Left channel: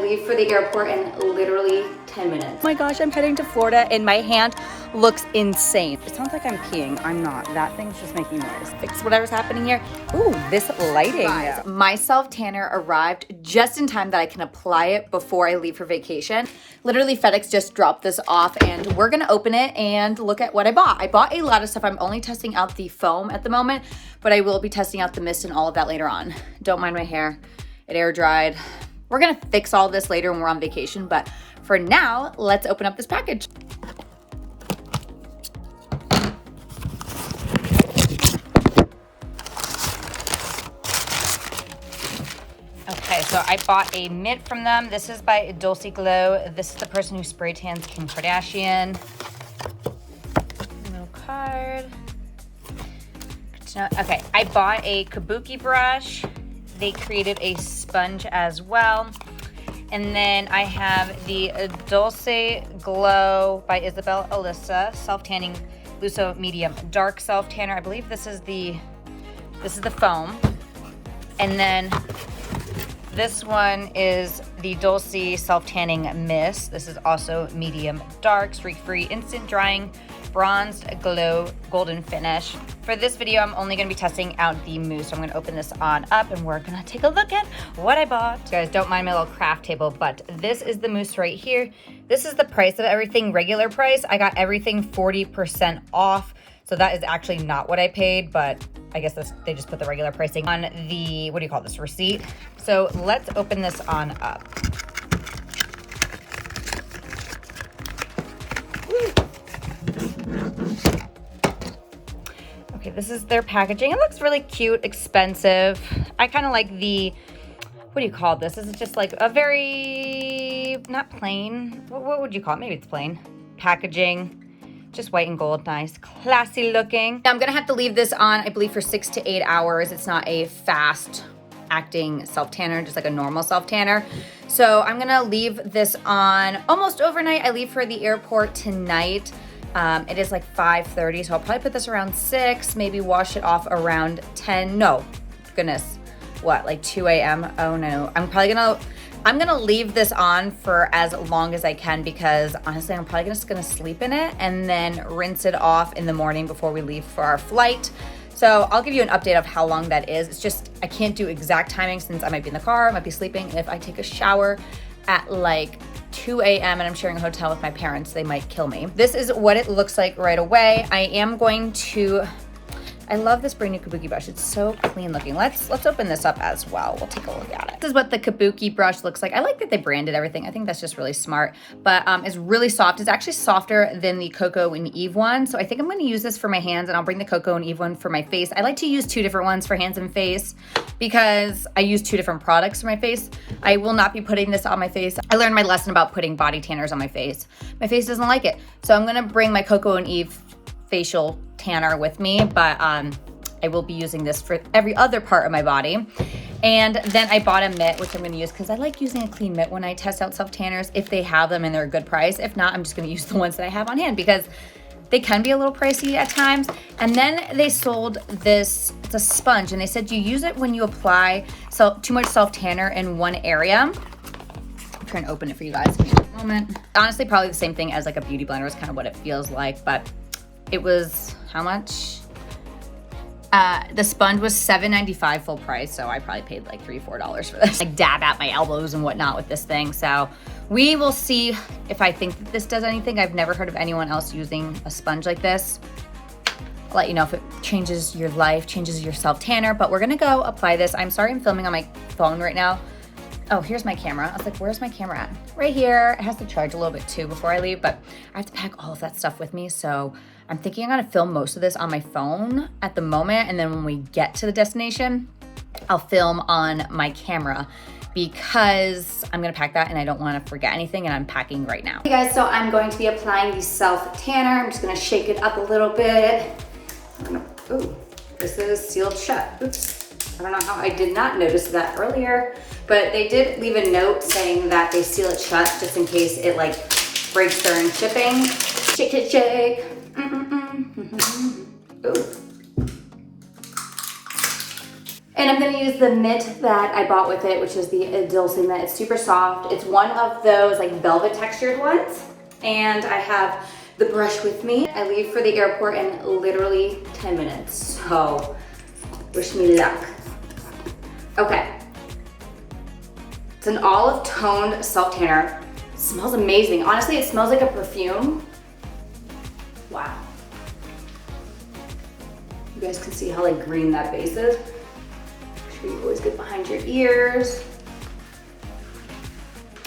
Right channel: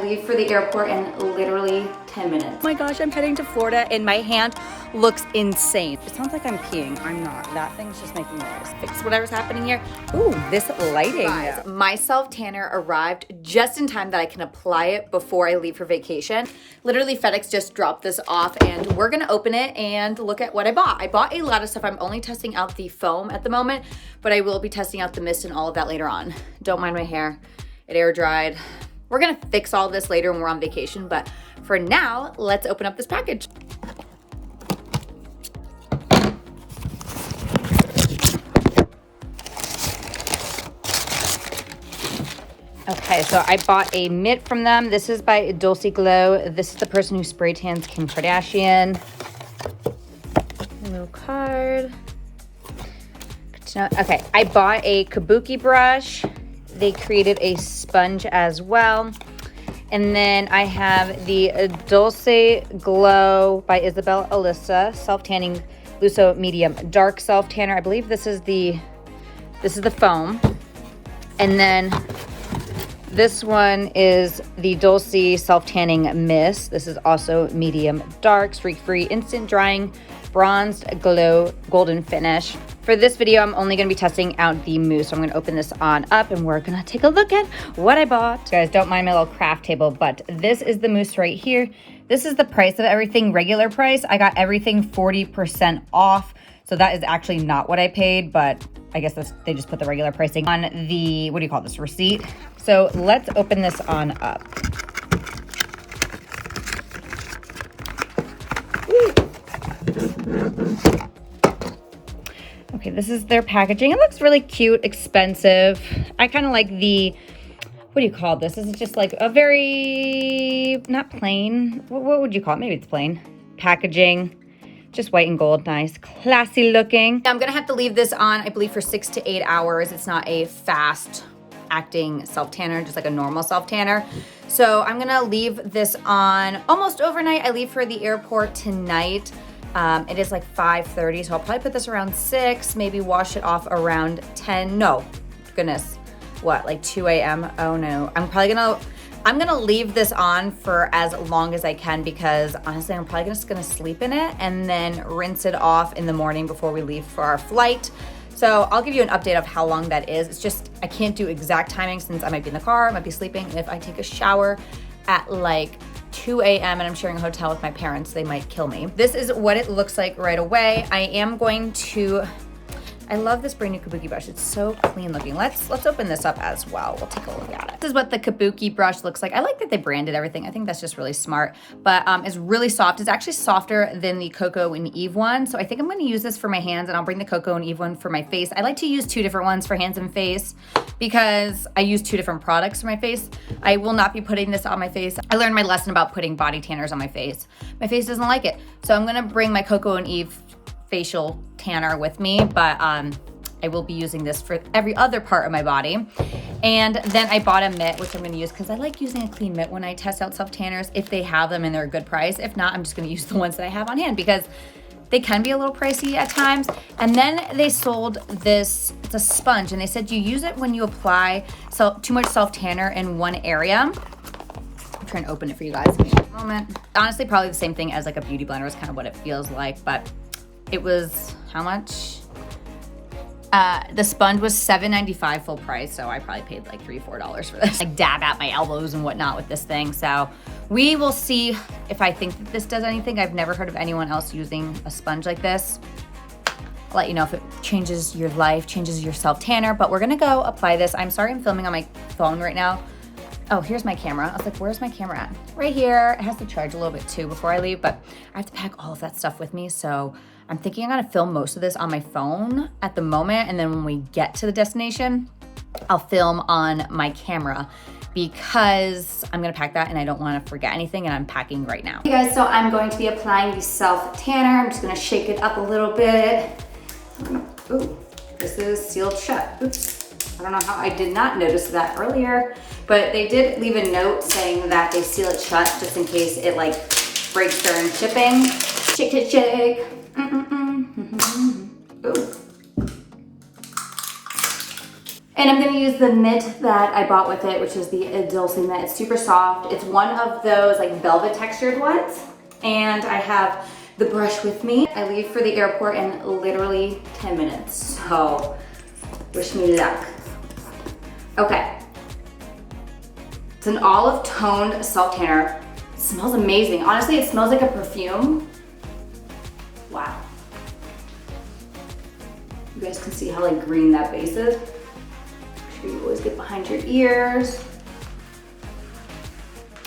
Leave for the airport in literally 10 minutes. Oh my gosh, I'm heading to Florida and my hand looks insane. It sounds like I'm peeing. I'm not. That thing's just making noise. Fix whatever's happening here. Ooh, this lighting. My self tanner arrived just in time that I can apply it before I leave for vacation. Literally FedEx just dropped this off and we're gonna open it and look at what I bought. I bought a lot of stuff. I'm only testing out the foam at the moment, but I will be testing out the mist and all of that later on. Don't mind my hair. It air dried. We're gonna fix all this later when we're on vacation, but for now, let's open up this package. Okay, so I bought a mitt from them. This is by Dolce Glow. This is the person who spray tans Kim Kardashian. No card. Okay, I bought a kabuki brush. They created a sponge as well. And then I have the Dolce Glow by Isabel Alyssa self-tanning Lusso medium dark self-tanner. I believe this is the foam. And then this one is the Dolce self-tanning mist. This is also medium dark, streak-free, instant drying, bronzed glow, golden finish. For this video, I'm only gonna be testing out the mousse. So I'm gonna open this on up and we're gonna take a look at what I bought. Guys, don't mind my little craft table, but this is the mousse right here. This is the price of everything, regular price. I got everything 40% off. So that is actually not what I paid, but I guess they just put the regular pricing on the, what do you call this, receipt. So let's open this on up. Okay, this is their packaging. It looks really cute, expensive. I kind of like the, what do you call this? This is just like a very, not plain, what would you call it? Maybe it's plain. Packaging. Just white and gold, nice, classy looking. I'm gonna have to leave this on, I believe, for 6 to 8 hours. It's not a fast acting self-tanner, just like a normal self-tanner. So I'm gonna leave this on almost overnight. I leave for the airport tonight. It is like 5:30, so I'll probably put this around 6, maybe wash it off around 10. No, goodness, what, like 2 a.m.? Oh no, I'm gonna leave this on for as long as I can because honestly, I'm probably just gonna sleep in it and then rinse it off in the morning before we leave for our flight. So I'll give you an update of how long that is. It's just, I can't do exact timing since I might be in the car, I might be sleeping. If I take a shower at like 2 a.m. and I'm sharing a hotel with my parents, they might kill me. This is what it looks like right away. I am going to, I love this brand new kabuki brush. It's so clean looking. Let's open this up as well. We'll take a look at it. This is what the kabuki brush looks like. I like that they branded everything. I think that's just really smart, but it's really soft. It's actually softer than the Coco and Eve one. So I think I'm gonna use this for my hands and I'll bring the Coco and Eve one for my face. I like to use 2 different ones for hands and face because I use 2 different products for my face. I will not be putting this on my face. I learned my lesson about putting body tanners on my face. My face doesn't like it. So I'm gonna bring my Coco and Eve facial tanner with me, but I will be using this for every other part of my body. And then I bought a mitt, which I'm gonna use because I like using a clean mitt when I test out self-tanners if they have them and they're a good price. If not, I'm just gonna use the ones that I have on hand because they can be a little pricey at times. And then they sold this, it's a sponge, and they said you use it when you apply too much self-tanner in one area. I'm trying to open it for you guys. Give me a moment. Honestly, probably the same thing as like a beauty blender is kind of what it feels like, but it was, how much? The sponge was $7.95 full price, so I probably paid like $3 or $4 for this. Like dab at my elbows and whatnot with this thing. So we will see if I think that this does anything. I've never heard of anyone else using a sponge like this. I'll let you know if it changes your life, changes your self-tanner, but we're gonna go apply this. I'm sorry I'm filming on my phone right now. Oh, here's my camera. I was like, where's my camera at? Right here. It has to charge a little bit too before I leave, but I have to pack all of that stuff with me. So I'm thinking I'm gonna film most of this on my phone at the moment. And then when we get to the destination, I'll film on my camera because I'm gonna pack that and I don't wanna forget anything and I'm packing right now. Hey guys, so I'm going to be applying the self-tanner. I'm just gonna shake it up a little bit. Ooh, this is sealed shut. Oops. I don't know how I did not notice that earlier, but they did leave a note saying that they seal it shut just in case it like breaks during shipping. Shake, shake, shake. Ooh. And I'm gonna use the mitt that I bought with it, which is the Dolce mitt. It's super soft. It's one of those like velvet textured ones. And I have the brush with me. I leave for the airport in literally 10 minutes. So wish me luck. Okay. It's an olive toned self tanner. It smells amazing. Honestly, it smells like a perfume. Wow. You guys can see how like green that base is. Make sure you always get behind your ears.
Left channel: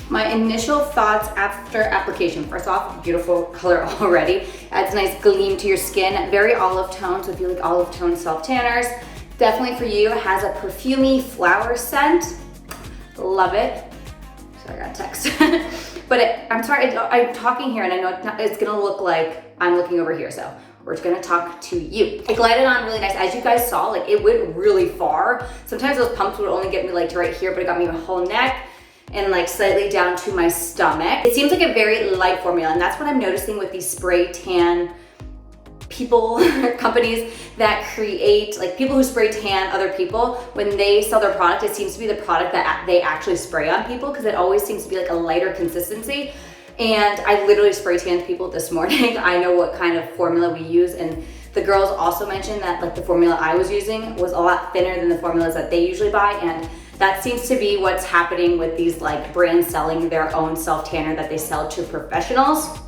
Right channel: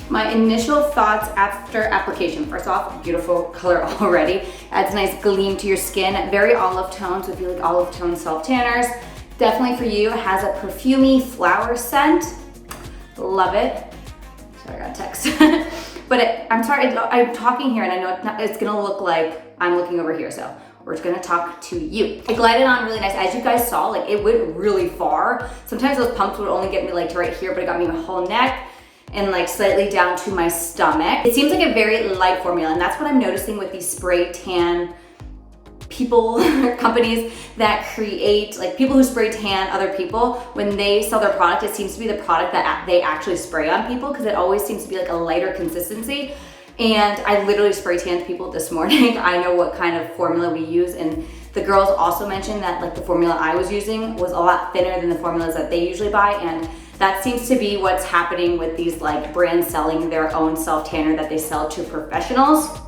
My initial thoughts after application. First off, beautiful color already. Adds a nice gleam to your skin. Very olive tone, so if you like olive tone self tanners, definitely for you. It has a perfumey flower scent. Love it. Sorry, I got a text. But I'm sorry, I'm talking here and I know it's gonna look like I'm looking over here, so we're just gonna talk to you. It glided on really nice. As you guys saw, like it went really far. Sometimes those pumps would only get me like to right here, but it got me my whole neck and like slightly down to my stomach. It seems like a very light formula, and that's what I'm noticing with these spray tan people, companies that create, like people who spray tan other people, when they sell their product, it seems to be the product that they actually spray on people, because it always seems to be like a lighter consistency. And I literally spray tanned people this morning. I know what kind of formula we use, and the girls also mentioned that like the formula I was using was a lot thinner than the formulas that they usually buy, and that seems to be what's happening with these like brands selling their own self tanner that they sell to professionals.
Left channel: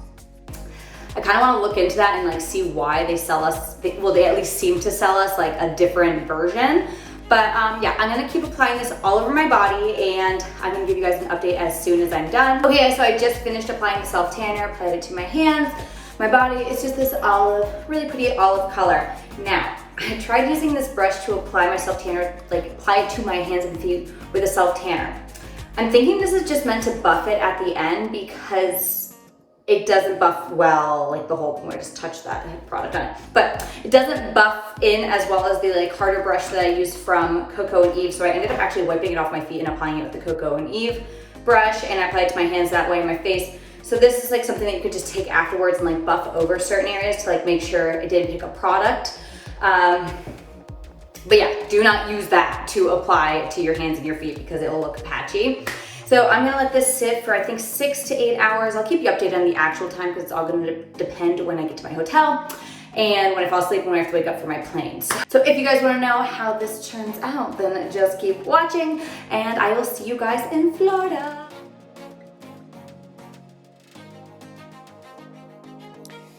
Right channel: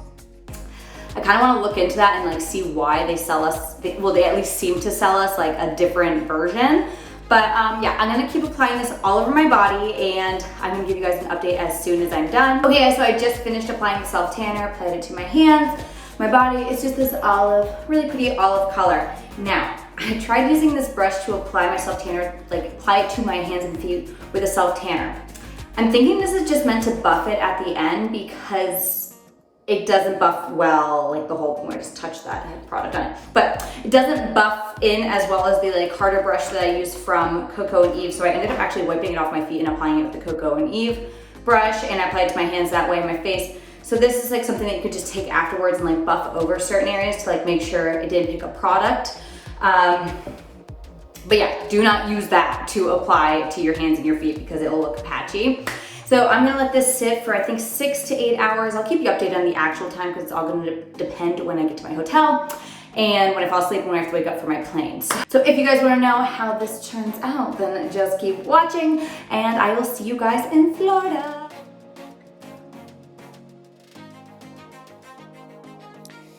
I kind of want to look into that and like see why they sell us, well, they at least seem to sell us like a different version. But yeah, I'm gonna keep applying this all over my body, and I'm gonna give you guys an update as soon as I'm done. Okay, so I just finished applying the self tanner, applied it to my hands, my body. It's just this olive, really pretty olive color. Now, I tried using this brush to apply my self tanner, like apply it to my hands and feet with a self tanner. I'm thinking this is just meant to buff it at the end, because it doesn't buff well, like the whole point. I just touched that, I had product on it. But it doesn't buff in as well as the like harder brush that I used from Coco and Eve. So I ended up actually wiping it off my feet and applying it with the Coco and Eve brush, and I applied it to my hands that way and my face. So this is like something that you could just take afterwards and like buff over certain areas to like make sure it didn't pick up product. But yeah, do not use that to apply to your hands and your feet, because it'll look patchy. So I'm gonna let this sit for I think 6 to 8 hours. I'll keep you updated on the actual time, because it's all gonna depend when I get to my hotel and when I fall asleep and when I have to wake up for my planes. So if you guys wanna know how this turns out, then just keep watching, and I will see you guys in Florida.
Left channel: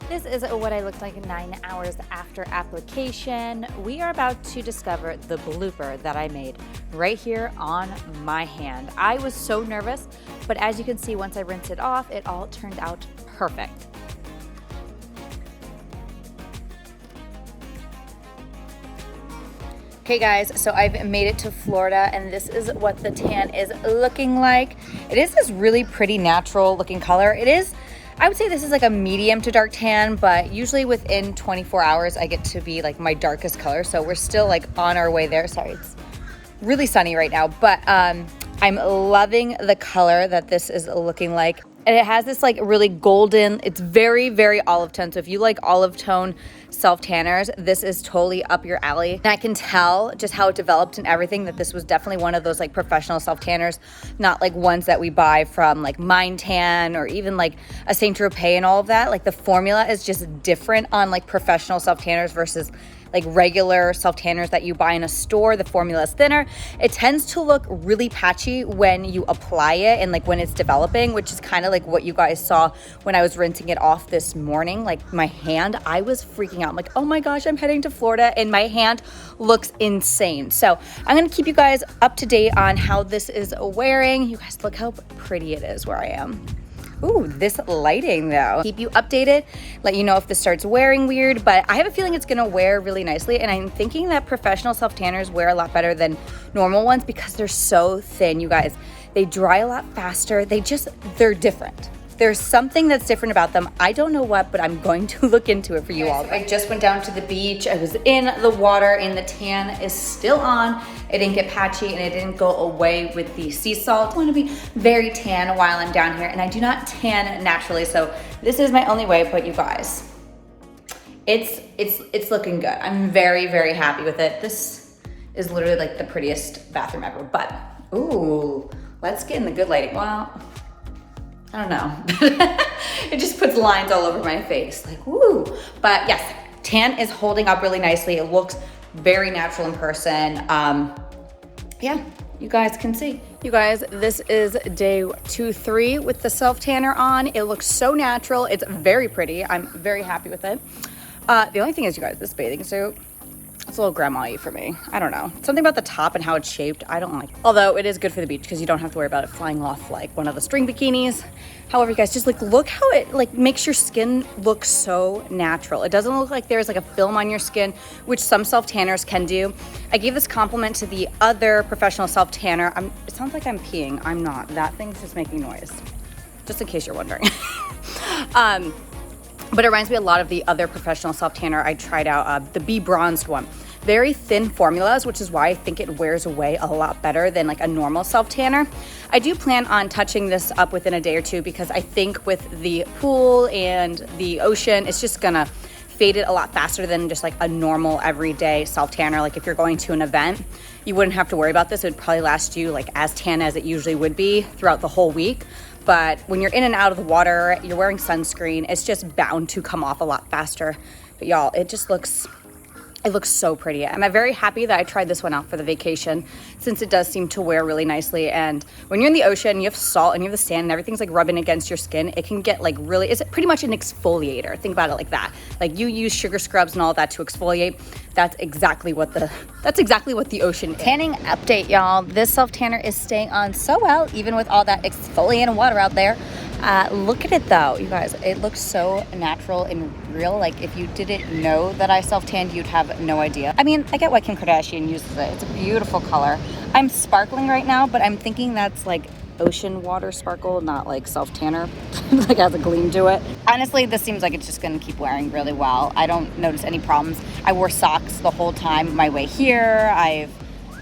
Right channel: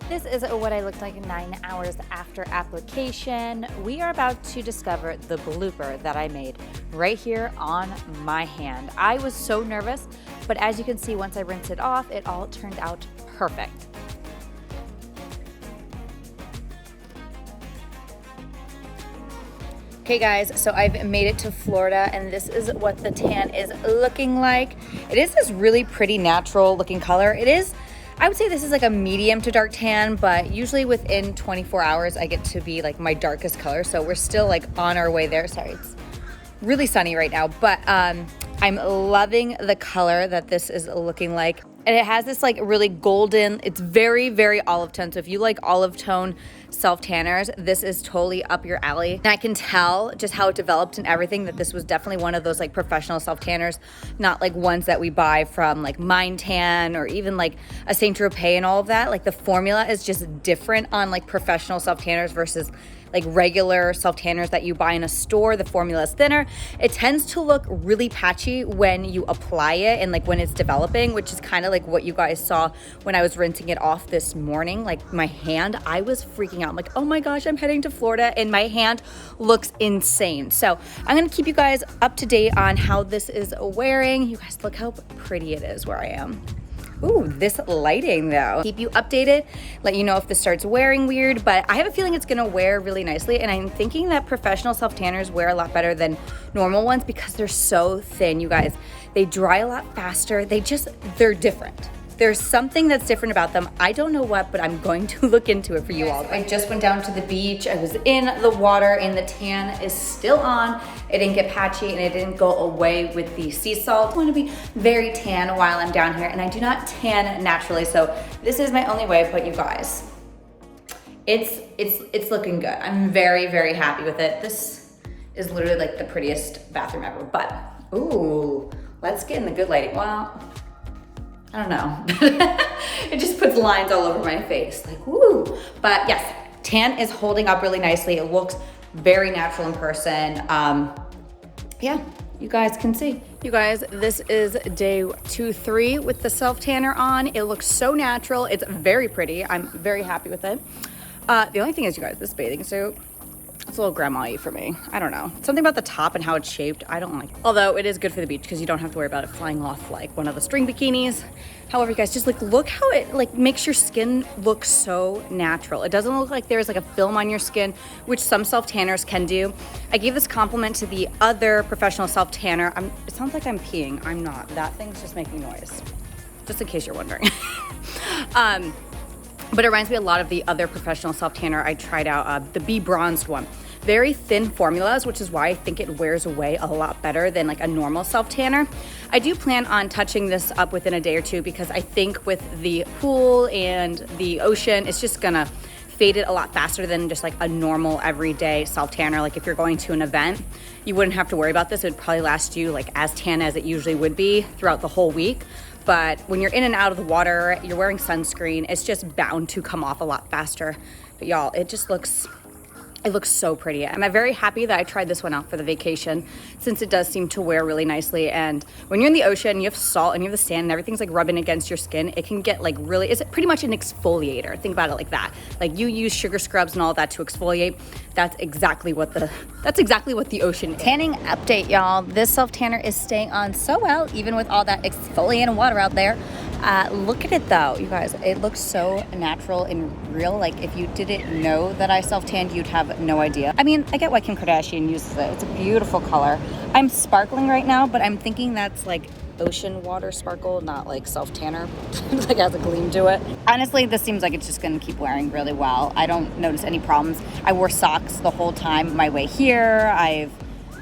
This is what I looked like 9 hours after application. We are about to discover the blooper that I made right here on my hand. I was so nervous, but as you can see, once I rinsed it off, it all turned out perfect. Okay guys, so I've made it to Florida, and this is what the tan is looking like. It is this really pretty natural looking color. It is, I would say this is like a medium to dark tan, but usually within 24 hours I get to be like my darkest color. So we're still like on our way there. Sorry, it's really sunny right now, but I'm loving the color that this is looking like. And it has this like really golden, it's very, very olive tone. So if you like olive tone self tanners, this is totally up your alley. And I can tell just how it developed and everything, that this was definitely one of those like professional self tanners, not like ones that we buy from like Mind Tan or even like a Saint Tropez and all of that. Like the formula is just different on like professional self tanners versus like regular self tanners that you buy in a store. The formula is thinner. It tends to look really patchy when you apply it and like when it's developing, which is kind of like what you guys saw when I was rinsing it off this morning. Like my hand, I was freaking out. I'm like, oh my gosh, I'm heading to Florida and my hand looks insane. So I'm gonna keep you guys up to date on how this is wearing. You guys, look how pretty it is where I am. Ooh, this lighting though. Keep you updated, let you know if this starts wearing weird, but I have a feeling it's gonna wear really nicely, and I'm thinking that professional self-tanners wear a lot better than normal ones because they're so thin, you guys. They dry a lot faster. They're different. There's something that's different about them. I don't know what, but I'm going to look into it for you all. I just went down to the beach. I was in the water and the tan is still on. It didn't get patchy and it didn't go away with the sea salt. I want to be very tan while I'm down here, and I do not tan naturally, so this is my only way. But you guys, it's looking good. I'm very, very happy with it. This is literally like the prettiest bathroom ever. But, ooh, let's get in the good lighting. Well, I don't know. It just puts lines all over my face, like, woo. But yes, tan is holding up really nicely. It looks very natural in person. Yeah, you guys can see. You guys, this is day 2-3 with the self tanner on. It looks so natural. It's very pretty. I'm very happy with it. The only thing is, you guys, this bathing suit, it's a little grandma-y for me. I don't know. Something about the top and how it's shaped, I don't like it. Although it is good for the beach because you don't have to worry about it flying off like one of the string bikinis. However, you guys, just like look how it like makes your skin look so natural. It doesn't look like there's like a film on your skin, which some self tanners can do. I gave this compliment to the other professional self tanner. It sounds like I'm peeing. I'm not. That thing's just making noise. Just in case you're wondering. But it reminds me a lot of the other professional self tanner I tried out, the Be Bronzed one. Very thin formulas, which is why I think it wears away a lot better than like a normal self tanner. I do plan on touching this up within a day or two because I think with the pool and the ocean, it's just gonna fade it a lot faster than just like a normal everyday self tanner. Like if you're going to an event, you wouldn't have to worry about this. It would probably last you like as tan as it usually would be throughout the whole week. But when you're in and out of the water, you're wearing sunscreen, it's just bound to come off a lot faster. But y'all, it looks so pretty. I'm very happy that I tried this one out for the vacation since it does seem to wear really nicely. And when you're in the ocean, you have salt and you have the sand and everything's like rubbing against your skin, it can get like really, it's pretty much an exfoliator. Think about it like that. Like you use sugar scrubs and all that to exfoliate. That's exactly what the ocean is. Tanning update, y'all. This self tanner is staying on so well, even with all that exfoliating water out there. Look at it though, you guys. It looks so natural and real. Like if you didn't know that I self-tanned, you'd have no idea. I mean, I get why Kim Kardashian uses it. It's a beautiful color. I'm sparkling right now, but I'm thinking that's like ocean water sparkle, not like self-tanner. Like has a gleam to it. Honestly, this seems like it's just gonna keep wearing really well. I don't notice any problems. I wore socks the whole time my way here. I've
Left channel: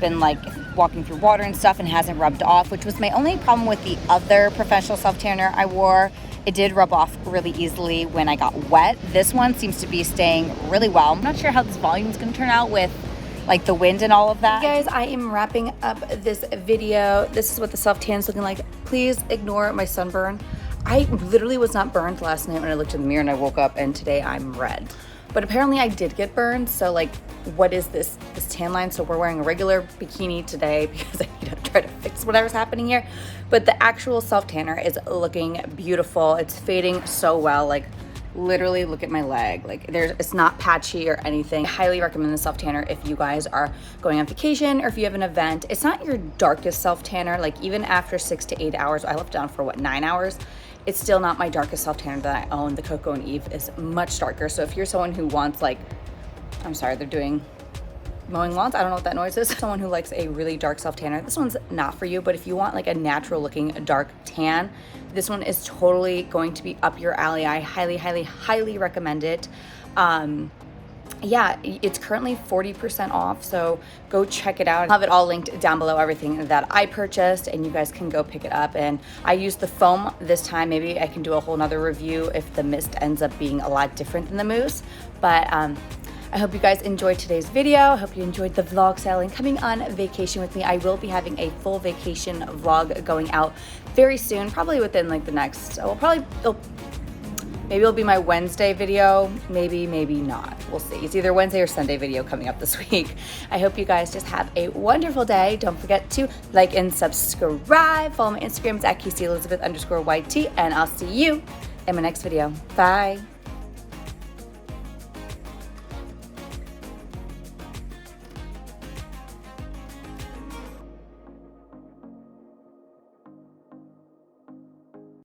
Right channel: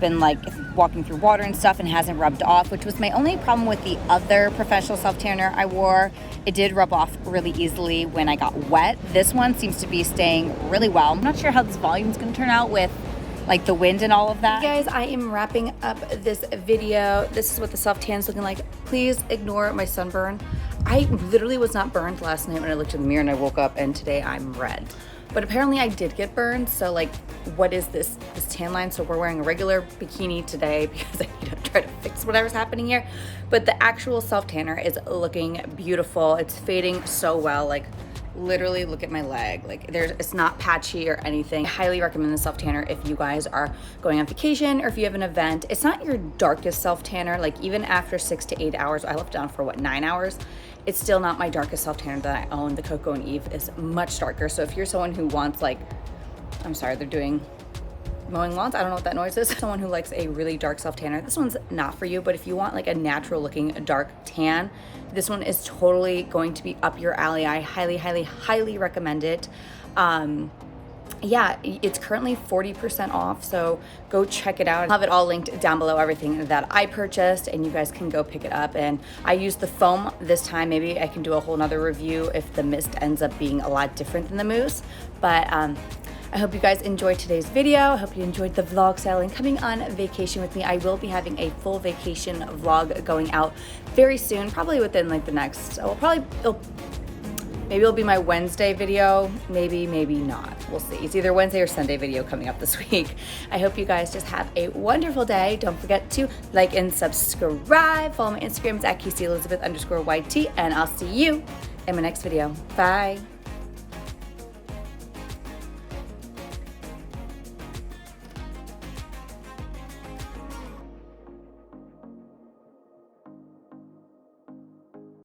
been like walking through water and stuff and hasn't rubbed off, which was my only problem with the other professional self tanner I wore. It did rub off really easily when I got wet. This one seems to be staying really well. I'm not sure how this volume is going to turn out with like the wind and all of that. Guys, I am wrapping up this video. This is what the self tan is looking like. Please ignore my sunburn. I literally was not burned last night when I looked in the mirror and I woke up, and today I'm red. But apparently I did get burned, so like, what is this tan line? So we're wearing a regular bikini today because I need to try to fix whatever's happening here. But the actual self tanner is looking beautiful. It's fading so well. Like literally look at my leg. Like it's not patchy or anything. I highly recommend the self tanner if you guys are going on vacation or if you have an event. It's not your darkest self tanner. Like even after 6 to 8 hours, I left it on for what, 9 hours? It's still not my darkest self tanner that I own. The Coco and Eve is much darker. So if you're someone who wants like, I'm sorry, they're doing mowing lawns. I don't know what that noise is. Someone who likes a really dark self tanner, this one's not for you. But if you want like a natural looking dark tan, this one is totally going to be up your alley. I highly, highly, highly recommend it. Yeah, it's currently 40% off, so go check it out. I'll have it all linked down below, everything that I purchased, and you guys can go pick it up. And I used the foam this time. Maybe I can do a whole nother review if the mist ends up being a lot different than the mousse. But I hope you guys enjoyed today's video. I hope you enjoyed the vlog style and coming on vacation with me. I will be having a full vacation vlog going out very soon, probably within like the next, maybe it'll be my Wednesday video, maybe not. We'll see. It's either Wednesday or Sunday video coming up this week. I hope you guys just have a wonderful day. Don't forget to like and subscribe. Follow my Instagram, it's at KASEYELIZABETH_YT, and I'll see you in my next video. Bye.